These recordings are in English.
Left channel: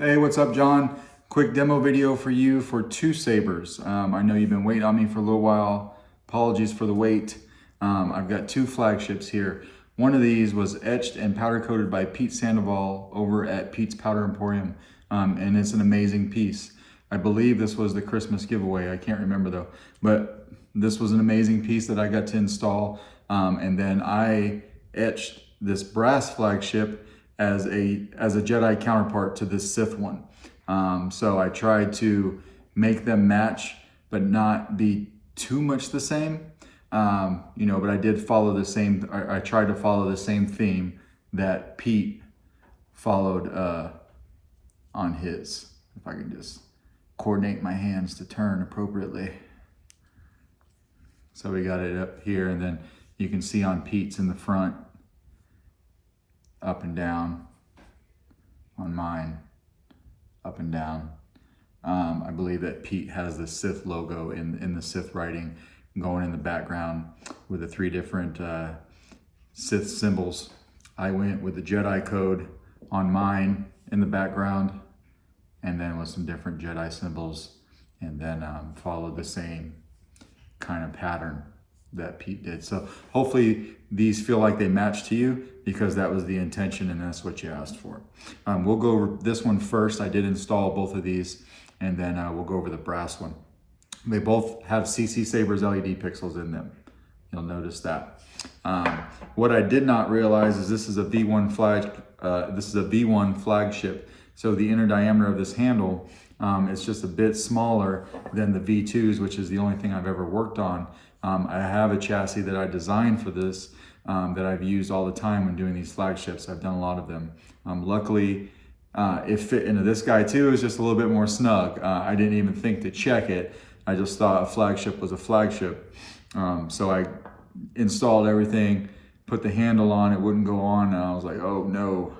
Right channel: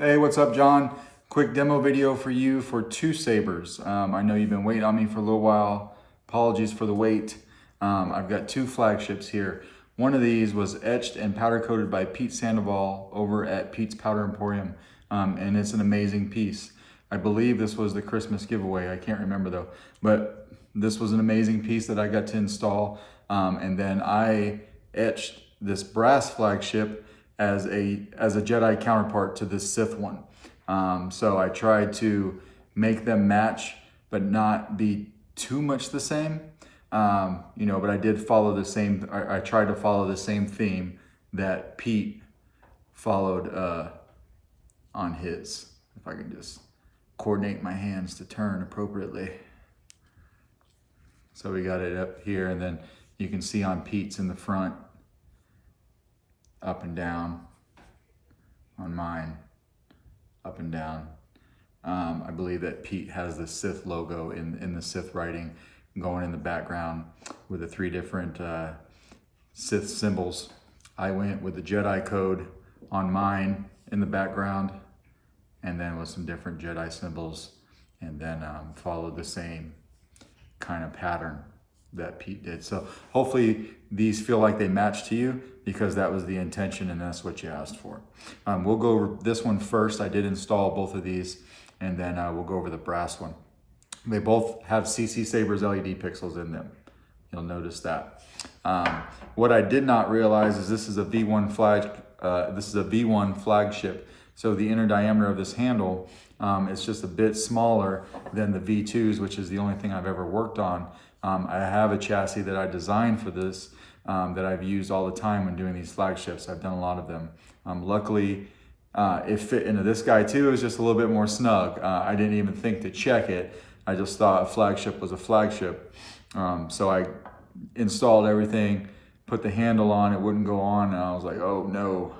Hey, what's up, John? Quick demo video for you for two sabers. I know you've been waiting on me for a little while. Apologies for the wait. I've got two flagships here. One of these was etched and powder coated by Pete Sandoval over at Pete's Powder Emporium, and it's an amazing piece. I believe this was the Christmas giveaway. I can't remember though, but this was an amazing piece that I got to install, and then I etched this brass flagship as a Jedi counterpart to this Sith one. So I tried to make them match, but not be too much the same. But I did follow the same. I tried to follow the same theme that Pete followed on his. If I can just coordinate my hands to turn appropriately. So we got it up here, and then you can see on Pete's in the front, up and down. On mine, up and down. I believe that Pete has the Sith logo in the Sith writing going in the background with the three different Sith symbols. I went with the Jedi code on mine in the background, and then with some different Jedi symbols, and then followed the same kind of pattern that Pete did. So hopefully these feel like they match to you, because that was the intention and that's what you asked for. We'll go over this one first. I did install both of these, and then we'll go over the brass one. They both have CCSABERS LED pixels in them. You'll notice that. What I did not realize is this is a V1 flag. This is a V1 flagship. So the inner diameter of this handle is just a bit smaller than the V2s, which is the only thing I've ever worked on. I have a chassis that I designed for this that I've used all the time when doing these flagships. I've done a lot of them. Luckily, it fit into this guy too. It was just a little bit more snug. I didn't even think to check it. I just thought a flagship was a flagship. So I installed everything, put the handle on, it wouldn't go on, and I was like, oh no.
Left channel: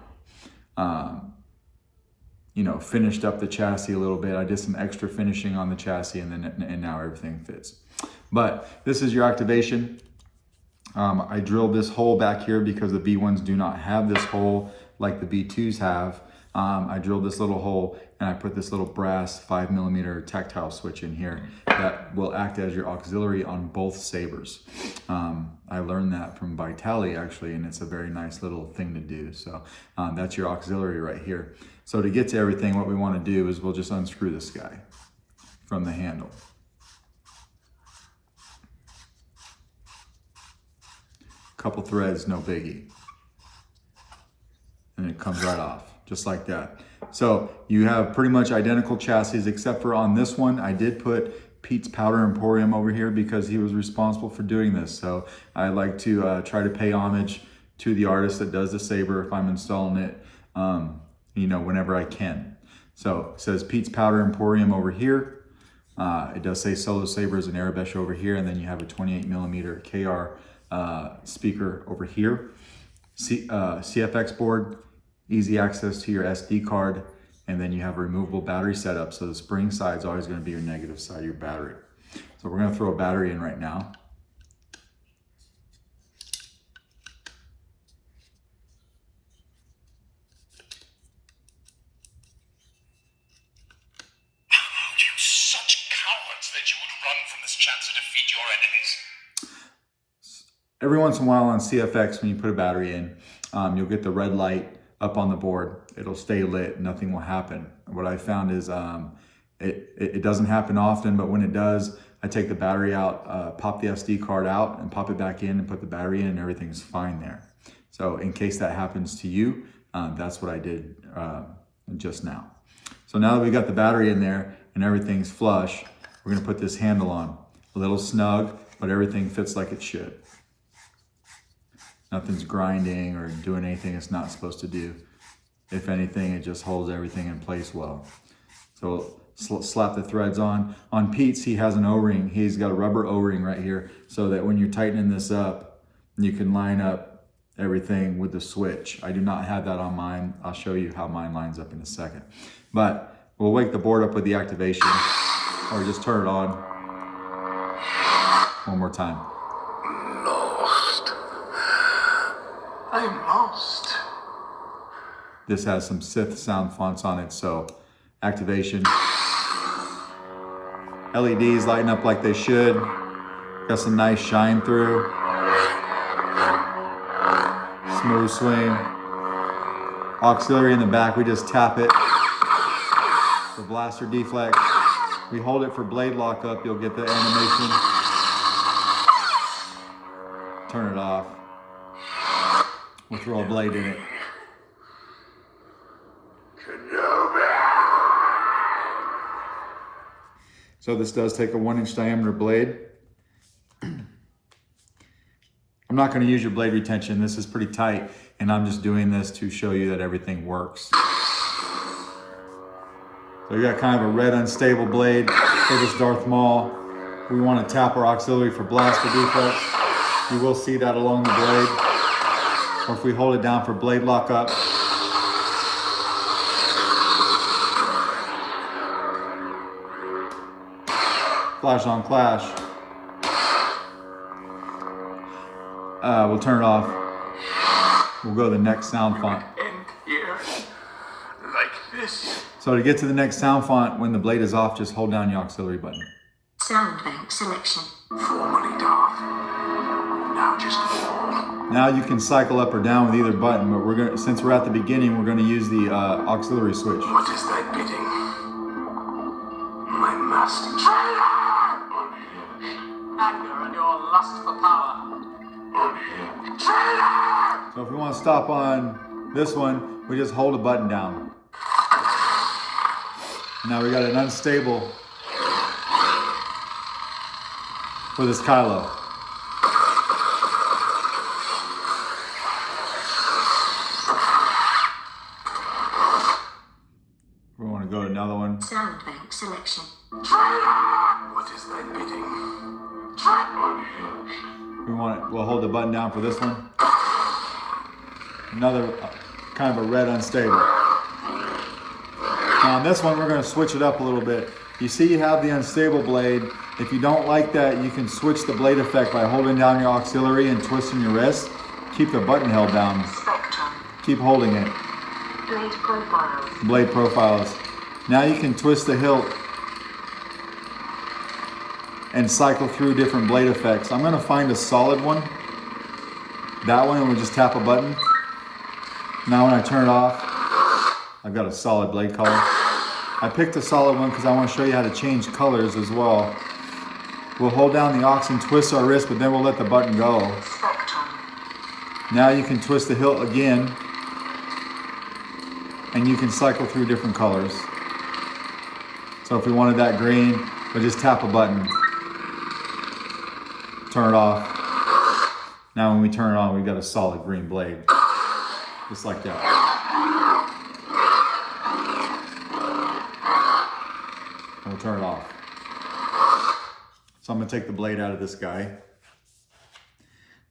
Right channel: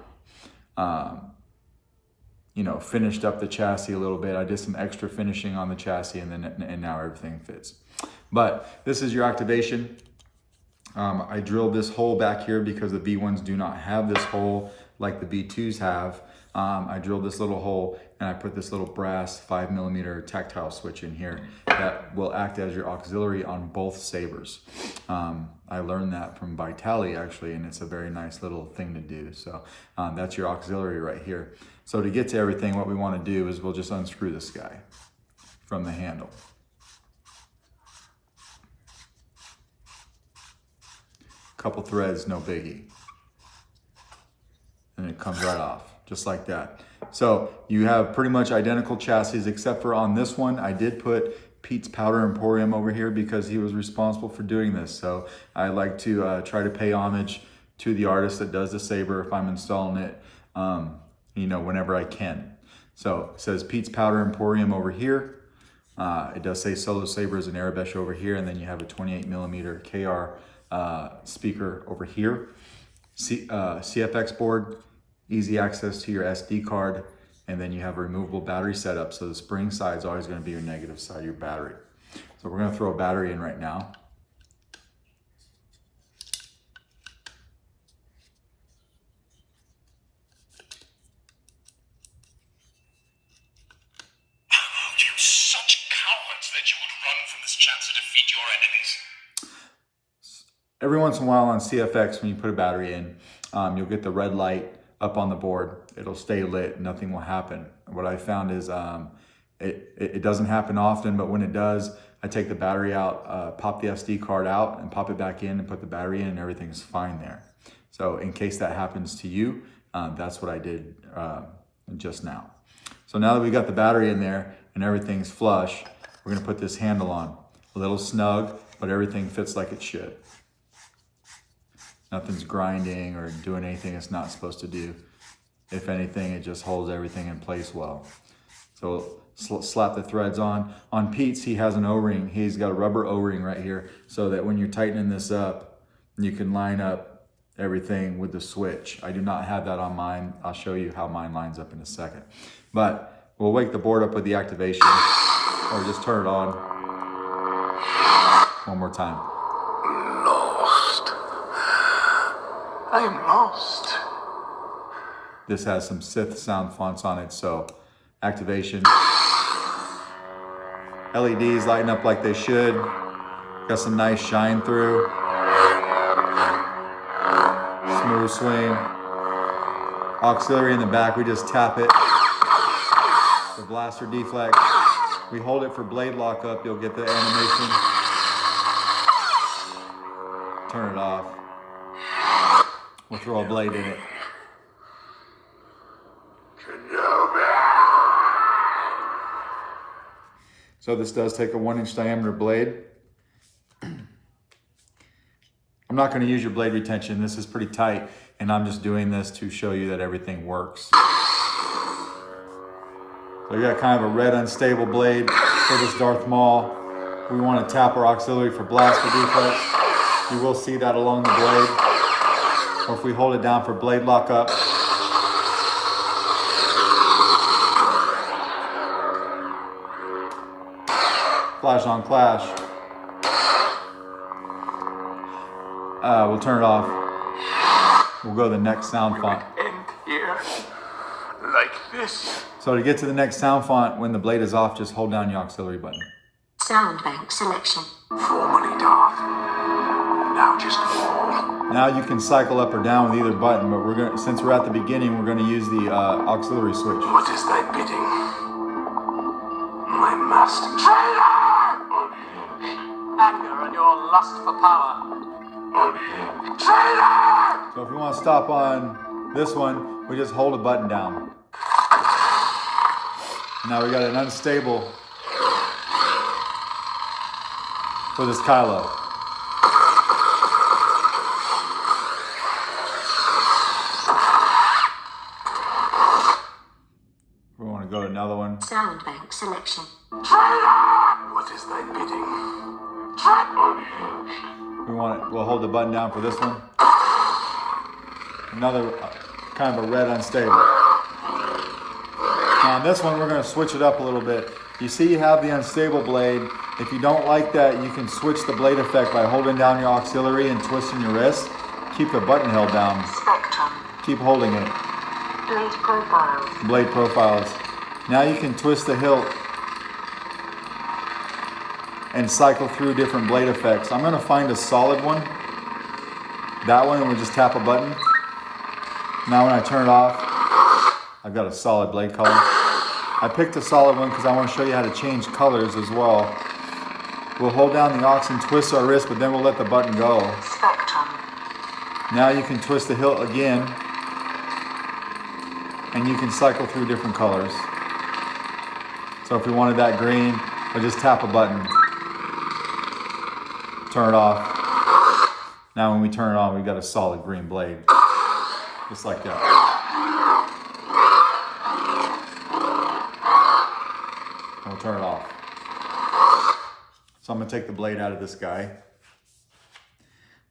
Finished up the chassis a little bit. I did some extra finishing on the chassis, and now everything fits. But this is your activation. I drilled this hole back here because the V1s do not have this hole like the V2s have. I drilled this little hole, and I put this little brass 5mm tactile switch in here that will act as your auxiliary on both sabers. I learned that from Vitali actually, and it's a very nice little thing to do. So that's your auxiliary right here. So to get to everything, what we want to do is we'll just unscrew this guy from the handle. Couple threads, no biggie. And it comes right off, just like that. So you have pretty much identical chassis, except for on this one, I did put Pete's Powder Emporium over here because he was responsible for doing this. So I like to try to pay homage to the artist that does the saber if I'm installing it, whenever I can. So it says Pete's Powder Emporium over here. It does say Solo Sabers and Arabesh over here, and then you have a 28mm KR speaker over here. CFX board, easy access to your SD card, and then you have a removable battery setup, so the spring side is always going to be your negative side of your battery. So we're going to throw a battery in right now. You such cowards that you would run from this chance to defeat your enemies. Every once in a while on CFX, when you put a battery in, you'll get the red light up on the board. It'll stay lit, nothing will happen. What I found is it doesn't happen often, but when it does, I take the battery out, pop the SD card out and pop it back in and put the battery in, and everything's fine there. So in case that happens to you, that's what I did just now. So now that we got the battery in there and everything's flush, we're gonna put this handle on. A little snug, but everything fits like it should. Nothing's grinding or doing anything it's not supposed to do. If anything, it just holds everything in place well. So slap the threads on. On Pete's, he has an O-ring. He's got a rubber O-ring right here, so that when you're tightening this up, you can line up everything with the switch. I do not have that on mine. I'll show you how mine lines up in a second. But we'll wake the board up with the activation, or just turn it on. One more time. I'm lost. This has some Sith sound fonts on it, so activation. LEDs lighting up like they should. Got some nice shine through. Smooth swing. Auxiliary in the back, we just tap it. For blaster deflect. We hold it for blade lockup, you'll get the animation. Turn it off. We'll throw a blade in it. So this does take a 1-inch diameter blade. I'm not going to use your blade retention. This is pretty tight, and I'm just doing this to show you that everything works. So you got kind of a red unstable blade for this Darth Maul. We want to tap our auxiliary for blaster deflects. You will see that along the blade. Or if we hold it down for blade lockup. Flash on clash. We'll turn it off. We'll go to the next sound font. Like this. So to get to the next sound font, when the blade is off, just hold down your auxiliary button. Sound bank selection. Formerly dark. Now just cold. Now you can cycle up or down with either button, but since we're at the beginning, we're gonna use the auxiliary switch. What is thy bidding? My master. Traitor! Anger and your lust for power. Traitor! So if we want to stop on this one, we just hold a button down. Now we got an unstable for this Kylo. We want to go to another one. Sound bank selection. What is thy bidding? We'll hold the button down for this one. Another kind of a red unstable. Now on this one, we're going to switch it up a little bit. You see you have the unstable blade. If you don't like that, you can switch the blade effect by holding down your auxiliary and twisting your wrist. Keep the button held down. Spectrum. Keep holding it. Blade profiles. Blade profiles. Now you can twist the hilt and cycle through different blade effects. I'm going to find a solid one. That one, and we'll just tap a button. Now when I turn it off, I've got a solid blade color. I picked a solid one because I want to show you how to change colors as well. We'll hold down the aux and twist our wrist, but then we'll let the button go. Spectrum. Now you can twist the hilt again, and you can cycle through different colors. So if we wanted that green, we'll just tap a button. Turn it off. Now when we turn it on, we've got a solid green blade. Just like that. And we'll turn it off. So I'm gonna take the blade out of this guy.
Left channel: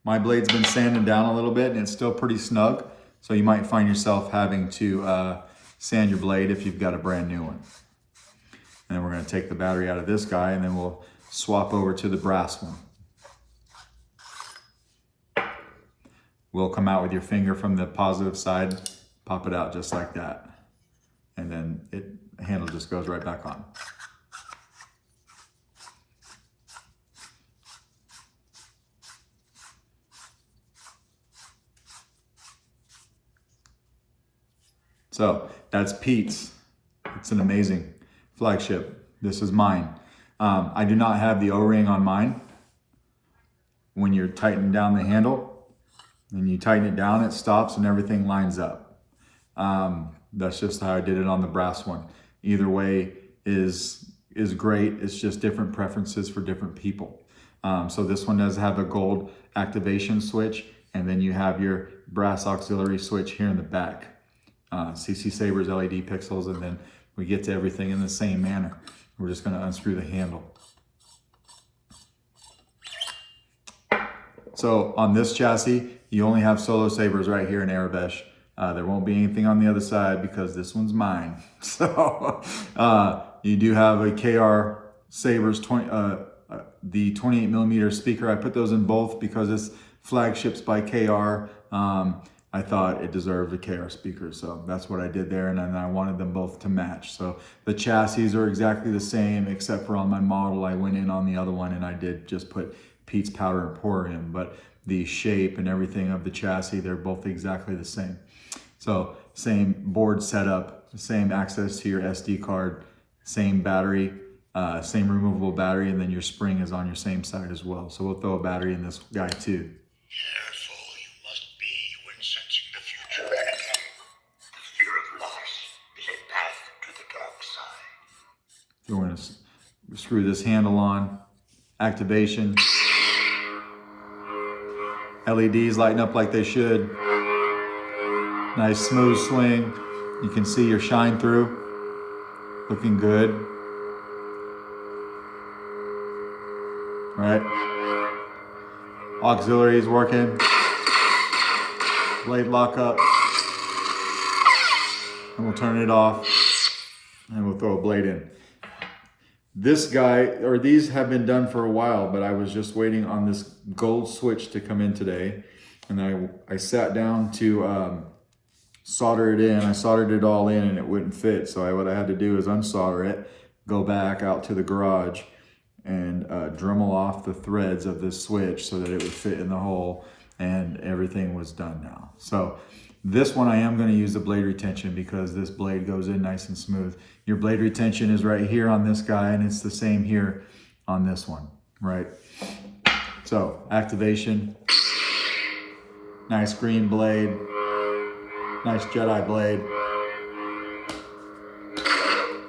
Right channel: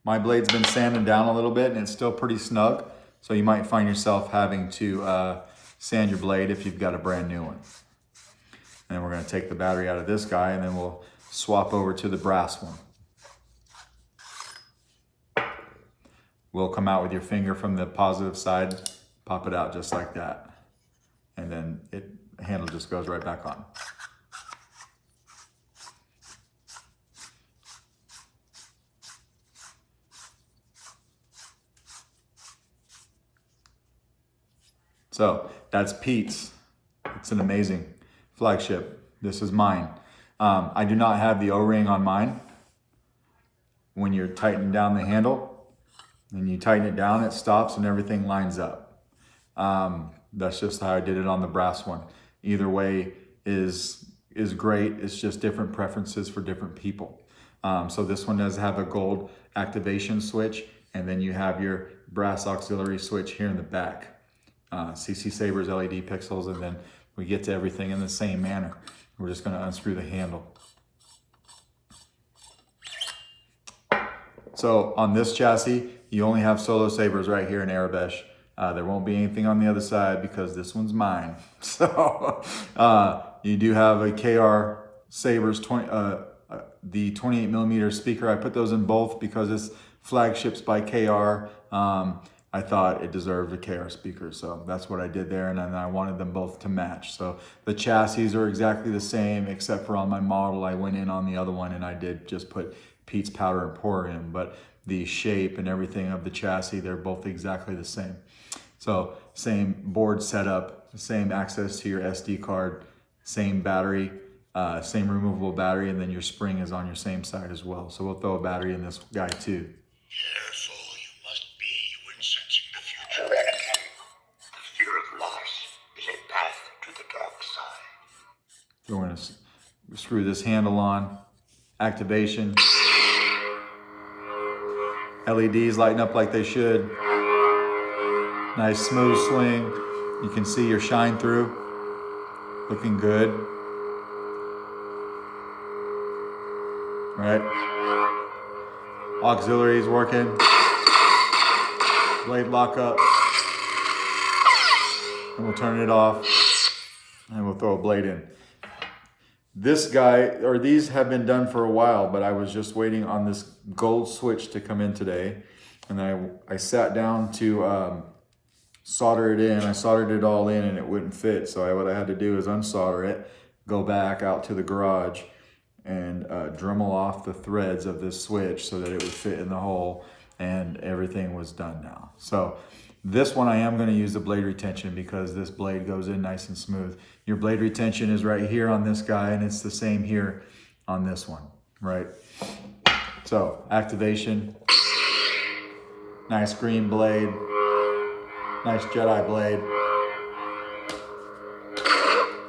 My blade's been sanded down a little bit and it's still pretty snug. So you might find yourself having to sand your blade if you've got a brand new one. And then we're gonna take the battery out of this guy and then we'll swap over to the brass one. Will come out with your finger from the positive side, pop it out just like that. And then the handle just goes right back on. So that's Pete's. It's an amazing flagship. This is mine. I do not have the O-ring on mine. When you're tightening down the handle, and you tighten it down, it stops and everything lines up. That's just how I did it on the brass one. Either way is great. It's just different preferences for different people. So this one does have a gold activation switch, and then you have your brass auxiliary switch here in the back. CCSABERS LED pixels, and then we get to everything in the same manner. We're just gonna unscrew the handle. So on this chassis, you only have solo sabers right here in Arabesh. There won't be anything on the other side because this one's mine. So you do have a KR Sabers, the 28mm speaker. I put those in both because it's Flagships by KR. I thought it deserved a KR speaker. So that's what I did there. And then I wanted them both to match. So the chassis are exactly the same, except for on my model, I went in on the other one and I did just put Pete's powder and pour in, but the shape and everything of the chassis, they're both exactly the same. So same board setup, same access to your SD card, same battery, same removable battery, and then your spring is on your same side as well. So we'll throw a battery in this guy too. Careful, you must be when sensing the future. The fear of loss is a path to the dark side. We're going to screw this handle on. Activation. LEDs lighting up like they should. Nice smooth swing. You can see your shine through. Looking good. Right. Auxiliaries working. Blade lock up. And we'll turn it off. And we'll throw a blade in. This guy, or these have been done for a while, but I was just waiting on this gold switch to come in today. And then I sat down to solder it in. I soldered it all in and it wouldn't fit. So what I had to do is unsolder it, go back out to the garage and Dremel off the threads of this switch so that it would fit in the hole, and everything was done now. So this one I am going to use the blade retention because this blade goes in nice and smooth. Your blade retention is right here on this guy, and it's the same here on this one, right? So activation, nice green blade, nice Jedi blade,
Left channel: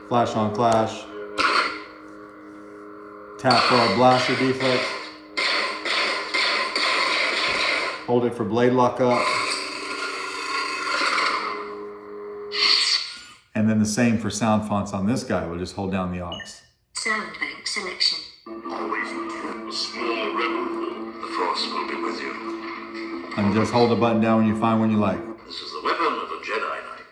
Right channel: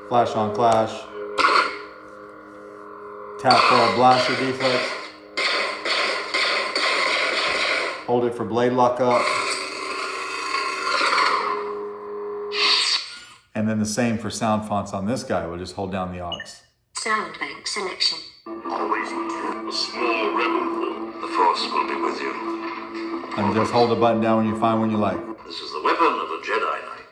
flash on clash, tap for our blaster deflex, hold it for blade lock up, and then the same for sound fonts on this guy. We'll just hold down the aux. Sound bank selection. Always a small rebel. The Force will be with you. And just hold the button down when you find one you like. This is the weapon of a Jedi Knight.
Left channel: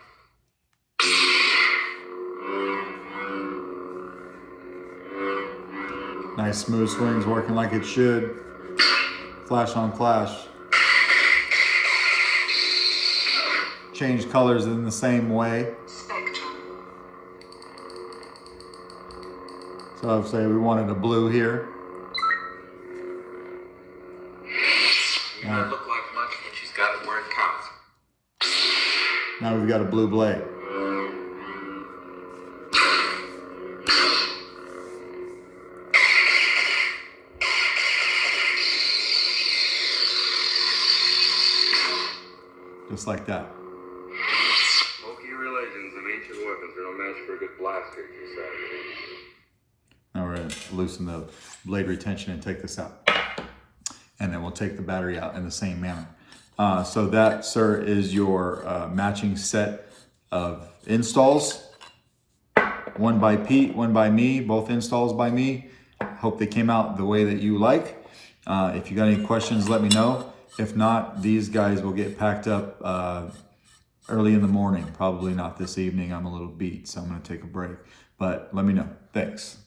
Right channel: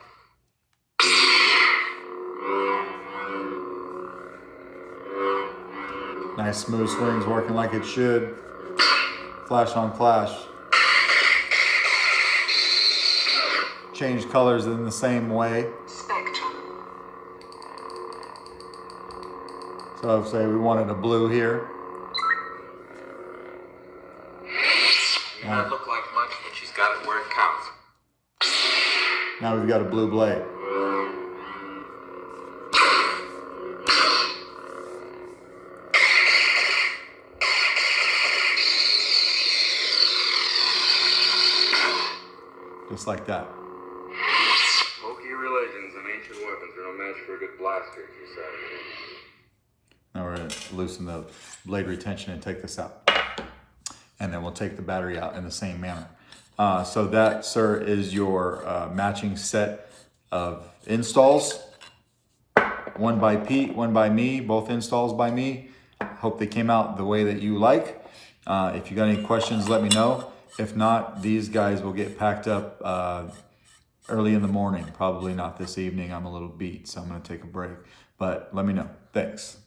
Nice smooth swings working like it should. Flash on clash. Change colors in the same way. Spectrum. So say we wanted a blue here. May not look like much, but she's got it where it counts. Now we've got a blue blade. Just like that. Smoky religions and ancient weapons are no match for a good blaster, you say. Now we're going to loosen the blade retention and take this out. And then we'll take the battery out in the same manner. So that, sir, is your matching set of installs. One by Pete, one by me, both installs by me. Hope they came out the way that you like. If you got any questions, let me know. If not, these guys will get packed up early in the morning. Probably not this evening. I'm a little beat, so I'm going to take a break. But let me know. Thanks.